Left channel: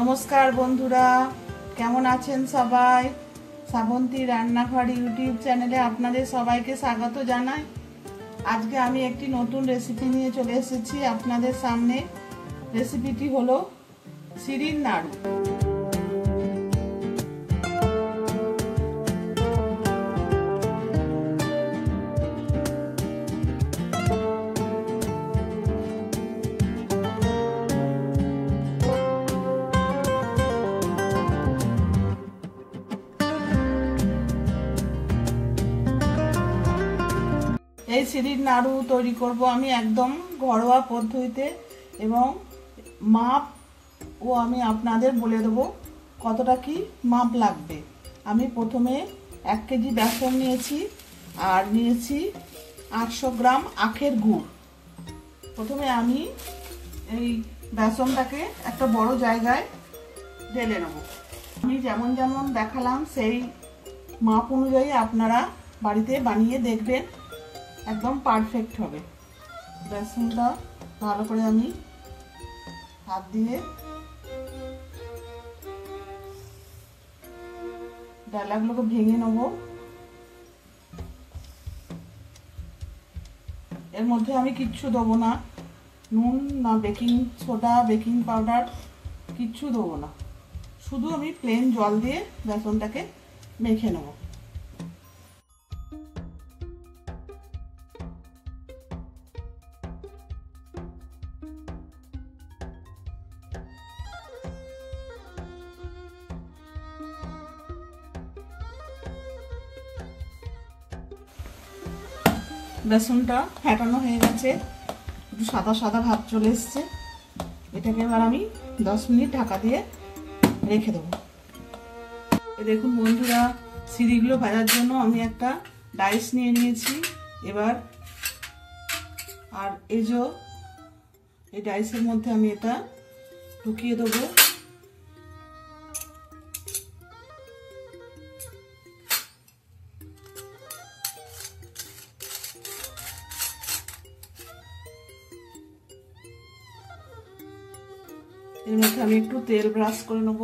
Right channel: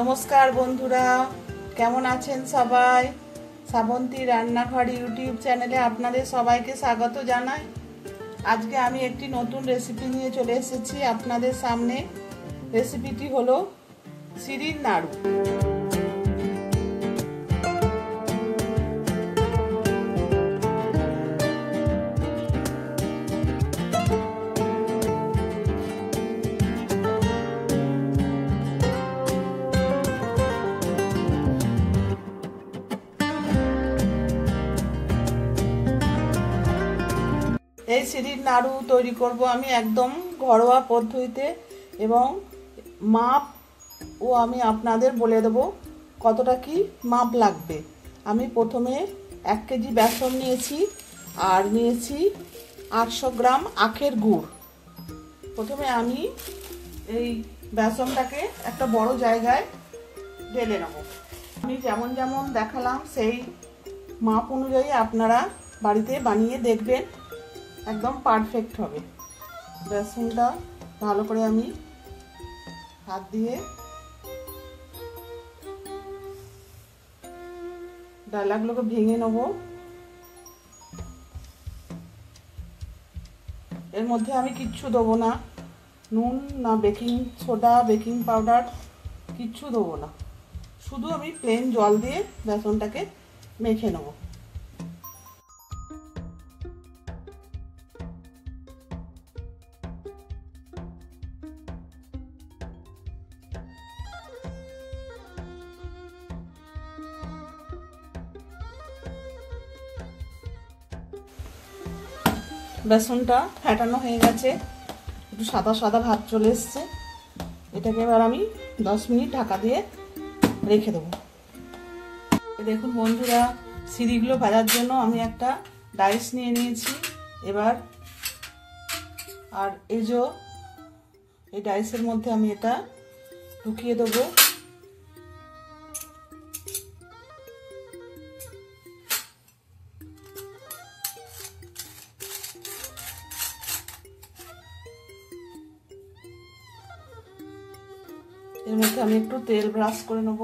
নমস্কার বন্ধুরা, কেমন আছেন সবাই? শ্রাবন্তী রান্নাঘর ইউটিউব চ্যানেলে আপনাদের সবাইকে স্বাগত জানাই। আজকে আমি একটি নতুন রেসিপি নিয়ে চলে এসেছি আপনাদের সামনে। রেসিপিটি হলো সিঁড়ির নাড়ু। এই সিঁড়ির নাড়ু তৈরি করব আমি একদম ঘরোয়া পদ্ধতিতে, এবং মাপ ও আমি আপনাদের বলে দেব কতটা কি মাপ লাগবে। আমি প্রথমে 1 কেজি বেসন নিয়েছি আর নিয়েছি 800 গ্রাম আখের গুড়। প্রথমে আমি এই বেসনটাকে একটা বড় জায়গায় ঢেলে নেব। আমি যেমন যেমন দেখালাম সেই মাপ অনুযায়ী আপনারা বাড়িতে বানিয়ে দেখবেন, একদম পারফেক্ট হবে। বেসনটা ভালো করে আমি হাত দিয়ে ডালাগুলোকে ভেঙে নেব। এর মধ্যে আমি কিচ্ছু দেবো না, নুন না বেকিং সোডা, বেকিং পাউডার কিচ্ছু দেবো না। শুধু আমি প্লেন জল দিয়ে বেসনটাকে মেখে নেব। বেসনটা ফেটানো হয়ে গেছে, একটু সাদা সাদা ভাব চলে এসছে। এটাকে এবার আমি 10 মিনিট ঢাকা দিয়ে রেখে দেবো। দেখুন বন্ধুরা, সিঁড়িগুলো ভাজার জন্য আমি একটা ডাইস নিয়ে নিয়েছি। এবার আর এই ডাইসের মধ্যে আমি এটা ঢুকিয়ে দেবো। এর মধ্যে আমি একটু তেল ব্রাশ করে নেব।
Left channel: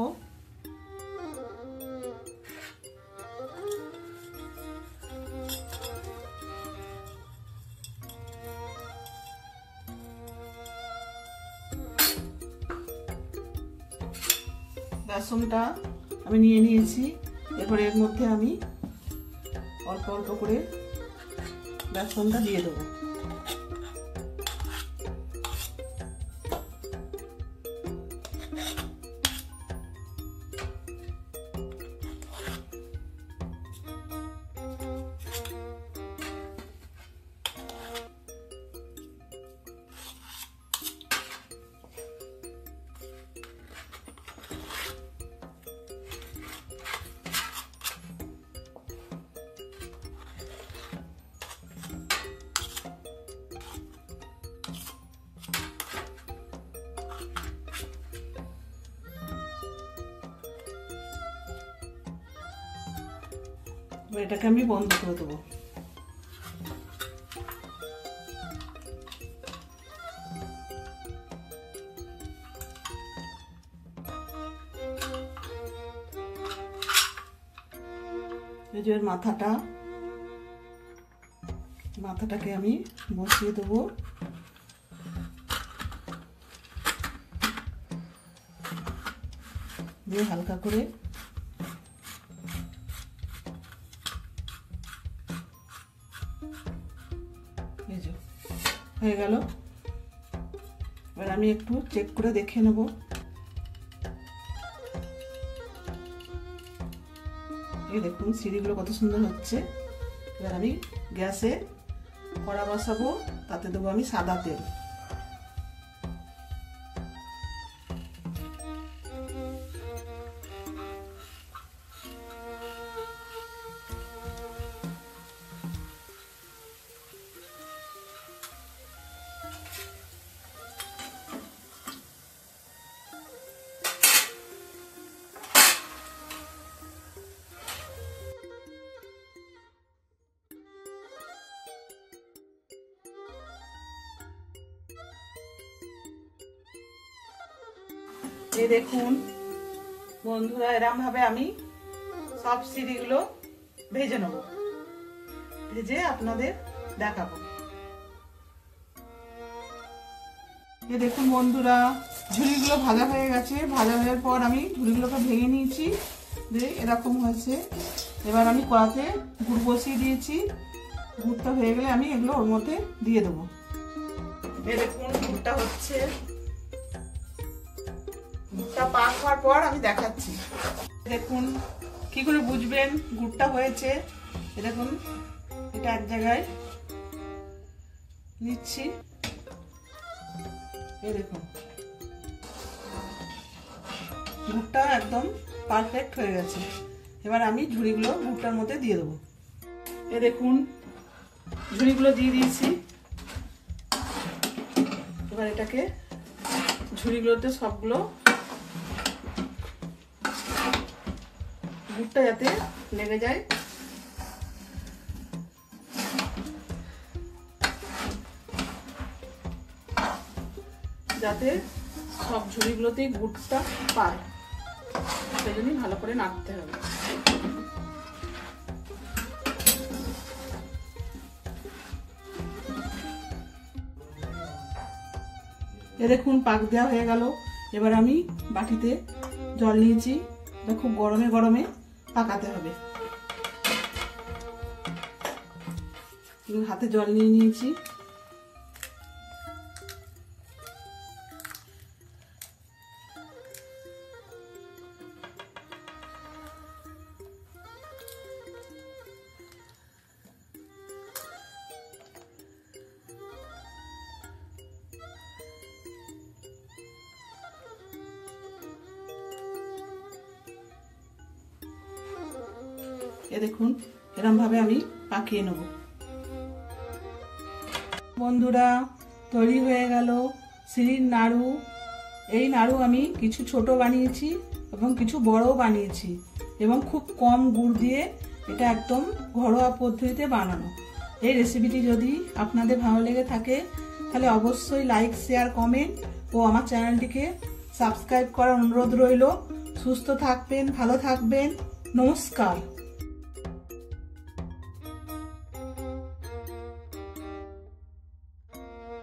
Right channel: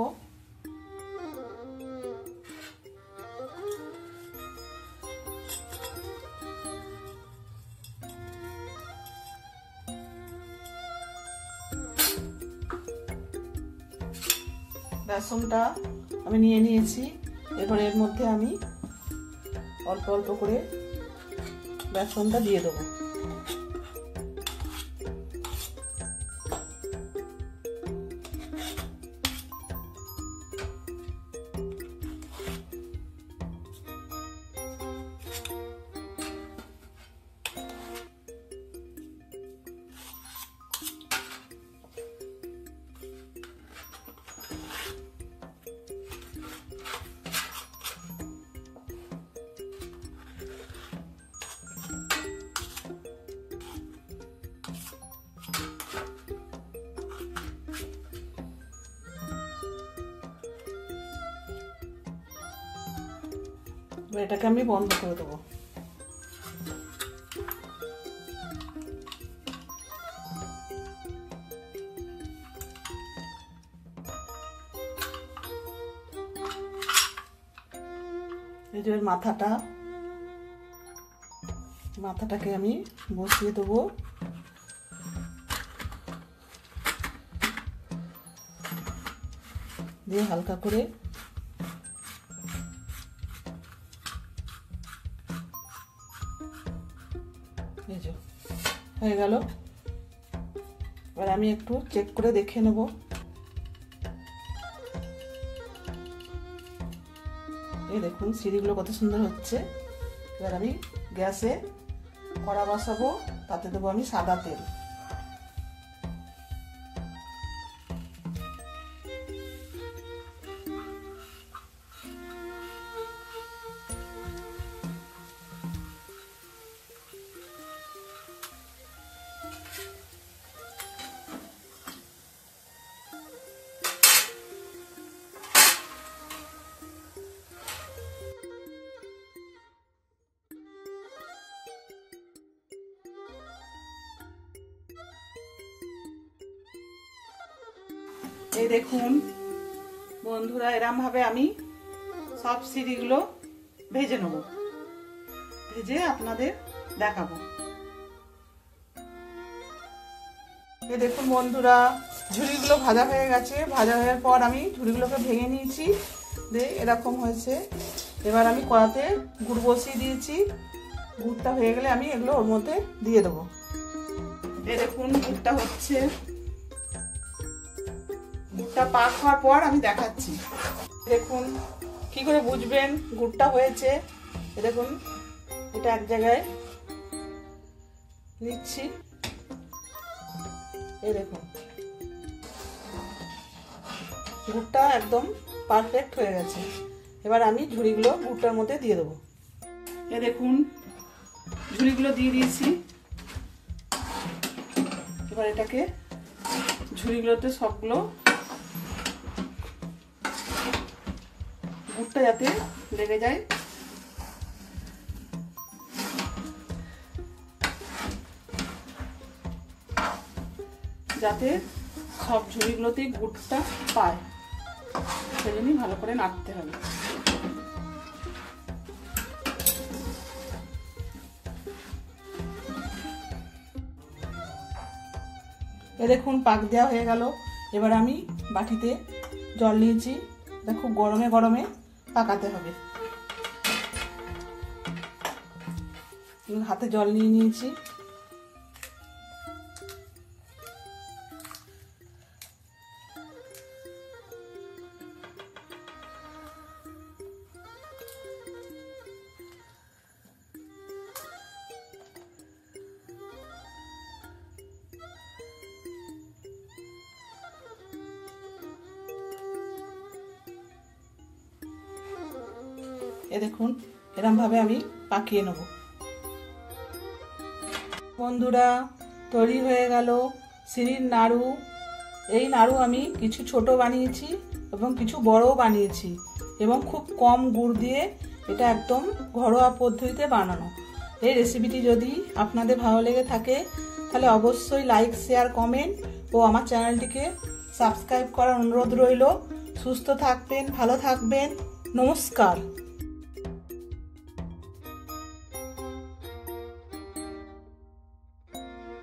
বেসনটা আমি নিয়ে নিয়েছি। এবার এর মধ্যে আমি অল্প অল্প করে বেসনটা দিয়ে দেবো। এটাকে আমি বন্ধ করে দেবো। এই যে মাথাটাকে আমি বসিয়ে দেবো। দিয়ে হালকা করে হয়ে গেল। এবার আমি একটু চেক করে দেখে নেব। এই দেখুন সিঁড়িগুলো কত সুন্দর হচ্ছে। এবার আমি গ্যাসে কড়া বসাবো, তাতে দেবো আমি সাদা তেল। এই দেখুন বন্ধুরা এরকম ভাবে আমি সব সিঁড়িগুলো ভেজে নেব, ভেজে আপনাদের দেখাবো। এই দেখুন বন্ধুরা, ঝুড়িগুলো ভাজা হয়ে গেছে। ভাজা হওয়ার পর আমি ঝুড়িগুলোকে ভেঙে নিয়েছি, দিয়ে এরকম হয়েছে। এবার আমি কড়াতে গুড় বসিয়ে দিয়েছি। গুড়টা হয়ে গেলে আমি এগুলো ওর মধ্যে দিয়ে দেবো। এই দেখুন গুড়টা হচ্ছে, গুড়টা পাক হওয়ার পর আমি দেখাচ্ছি। দেখুন কি করে বুঝবেন গুড়টা হয়েছে। দেখুন এটা এক জায়গায় নিচ্ছি, এই দেখুন গুড়টা একদম পারফেক্ট হয়ে গেছে। এবার আমি ঝুড়িগুলো গুড়টার মধ্যে দিয়ে দেবো। এই দেখুন ঝুড়িগুলো দিয়ে দিয়েছি। এবার এটাকে ঝুড়িগুলোতে সবগুলো গুড়টা যাতে লেগে যায়, যাতে সব ঝুড়িগুলোতে গুড়টা পায়, সেই জন্যই ভালো করে নাড়তে হবে। দেখুন পাক দেওয়া হয়ে গেল। এবার আমি বাটিতে জল নিয়েছি, খুব গরমে গরমে পাকাতে হবে। হাতে জল নিয়ে নিয়েছি। দেখুন এরকম ভাবে আমি পাকিয়ে নেব। বন্ধুরা তৈরি হয়ে গেল সিঁড়ির নাড়ু। এই নাড়ু আমি কিছু ছোট বানিয়েছি এবং কিছু বড়ও বানিয়েছি, এবং খুব কম গুড় দিয়ে এটা একদম ঘরোয়া পদ্ধতিতে বানানো। এই রেসিপিটি যদি আপনাদের ভালো লেগে থাকে তাহলে অবশ্যই লাইক, শেয়ার, কমেন্ট ও আমার চ্যানেলটিকে সাবস্ক্রাইব করার অনুরোধ রইল। সুস্থ থাকবেন, ভালো থাকবেন, নমস্কার।